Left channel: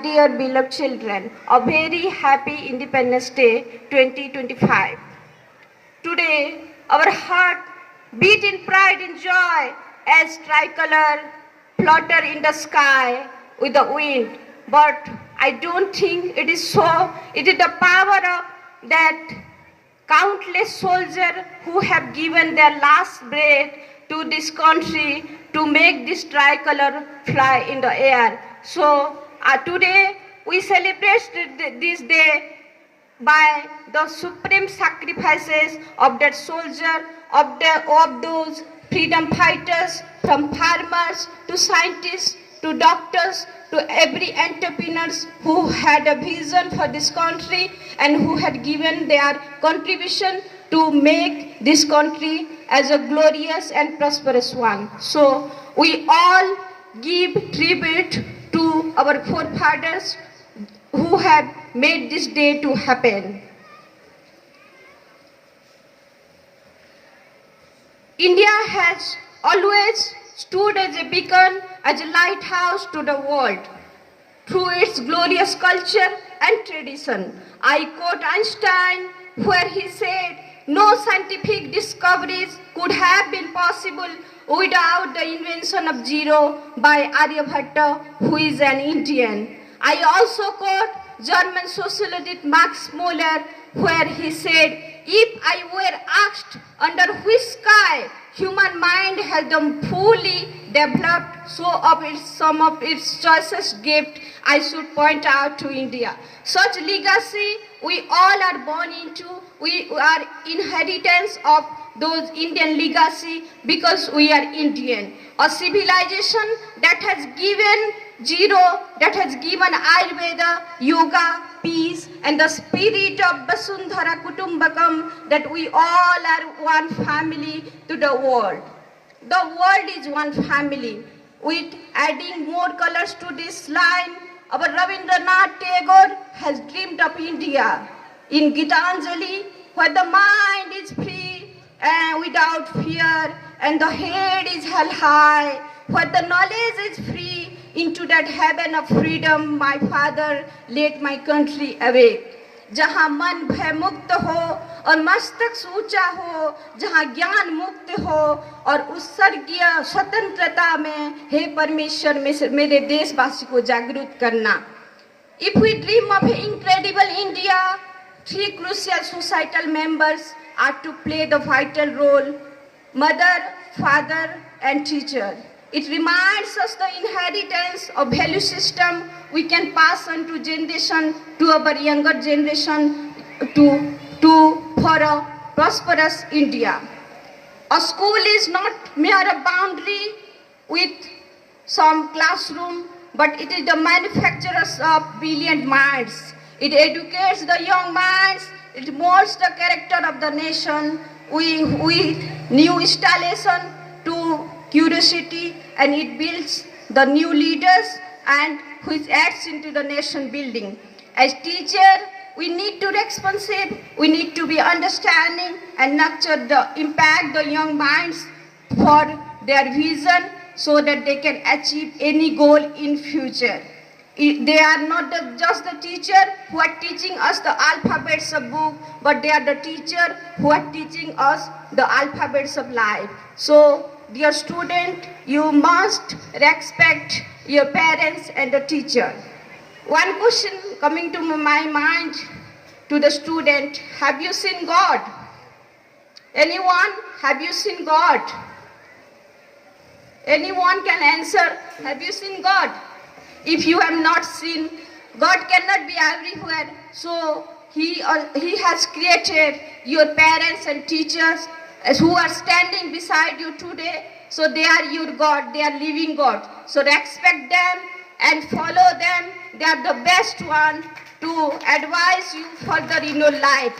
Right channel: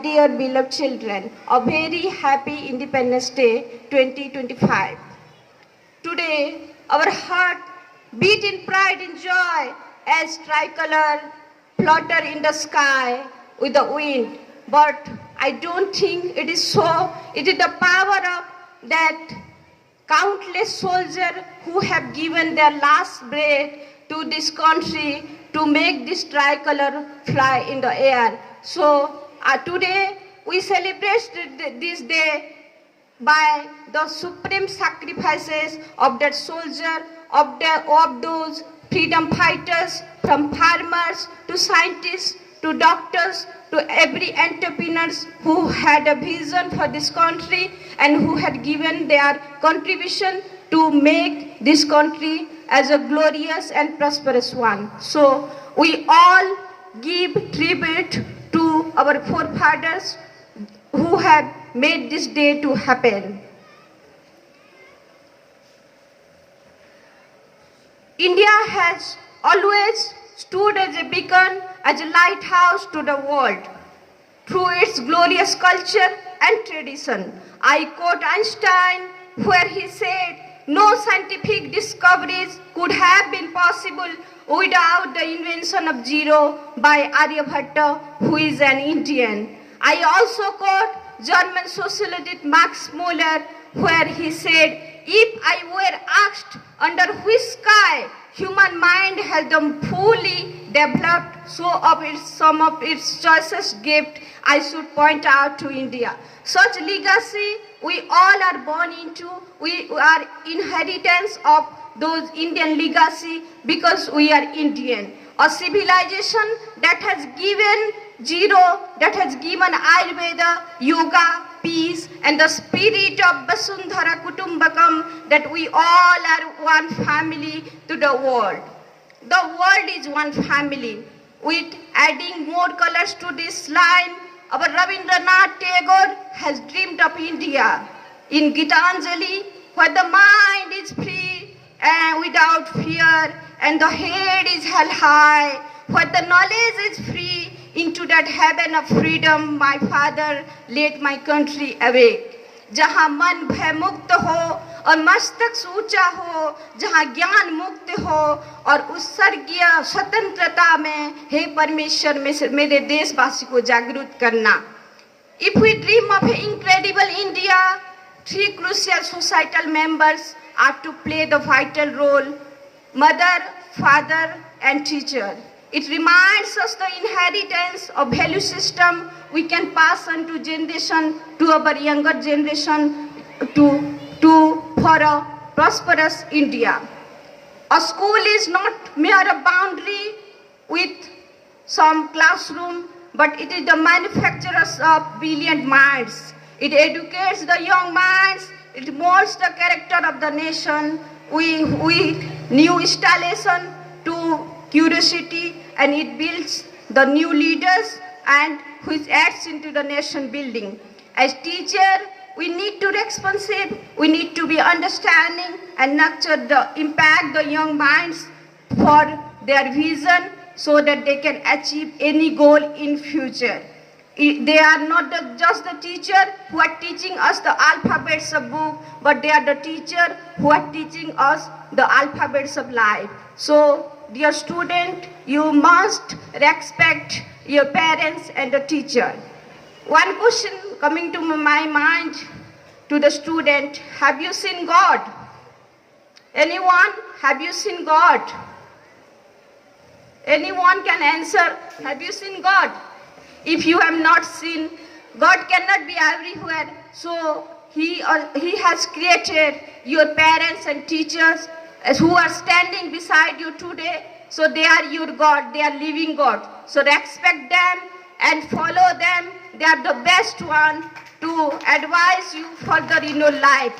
Dear beloved children, a very happy Independence Day 2025. Today, our heart beat in pride and joy as tricolor flutter in the sky with the wind. But I don't think it is so. It is the power of that countless soldiers who have given their last breath to this country to make this tricolor fly in the air. So today we celebrate this day by the supreme sacrifices of that soldier, of those freedom fighters, from farmers to scientists to doctors to every entrepreneurs who had a vision for this country and who had given their contribution to make this country as a glorious and prosperous one. So we all give tribute to our forefathers who have made this day to happen. India has always stood as a beacon, as a lighthouse to the world through its glorious culture and tradition. I quote Einstein where he said, "No scientific discoveries could have been possible without the invention of zero by Aryabhatta, who is an Indian." I also quote German sociologist Max Muller where he said, "If I were asked under which sky human mind has fully developed some of its choicest gift, I should point out to India." Such legacy we all are born into. We are inheritance of those Indian legacy because we are Indian. A civilization that has given zero, that has given Ayurveda, yoga, peace, and the spirit of Vasundhara Kutumbakam, that we all are one family to the world. The world is one family. With adding more colors to this line, our Rabindranath Tagore has dreamed of India. In Gitanjali, where the mind is free and without fear, and the head is held high, where the knowledge is free, into that heaven of freedom my father led my country awake. जहाँ मन भय मुक्त हो और मस्तक ऊंचा हो, जहाँ ज्ञान मुक्त हो और उत्सर्गीय स्वतंत्रता में, हे परमेश्वर मेरे देशवासी को जागरूक करना. If we dream of an incredible India, three crucial societal members are to play the vital role: mother, father, and teacher. It reminds us the inheritance of value system we can pass on to generation, to our younger generation, for a prosperous India. A school is not mere a boundary with some classroom, but it is the manufacturers of brilliant minds. It educates the young minds. It molds the character of the nation. We new installation to curiosity, and it builds the new leaders and which adds into the nation building. As teacher, we need to be responsive, we need to be understanding and nurture impact the young minds for their vision so that they can achieve any goal in future. They are not just the teacher who are teaching us the alphabets of book, but they are the teacher who are teaching us the alphabets of life. So, dear student, you must respect your parents and the teacher. One question coming to my mind to the student: have you seen God? Anyone? Have you seen God? Anyone can answer, have you seen God? If you have not seen, God cannot be everywhere. So He has created your parents and teachers who are standing beside you today. So they are your God, they are living God. So respect them and follow them. They are the best one to advise you further in your life.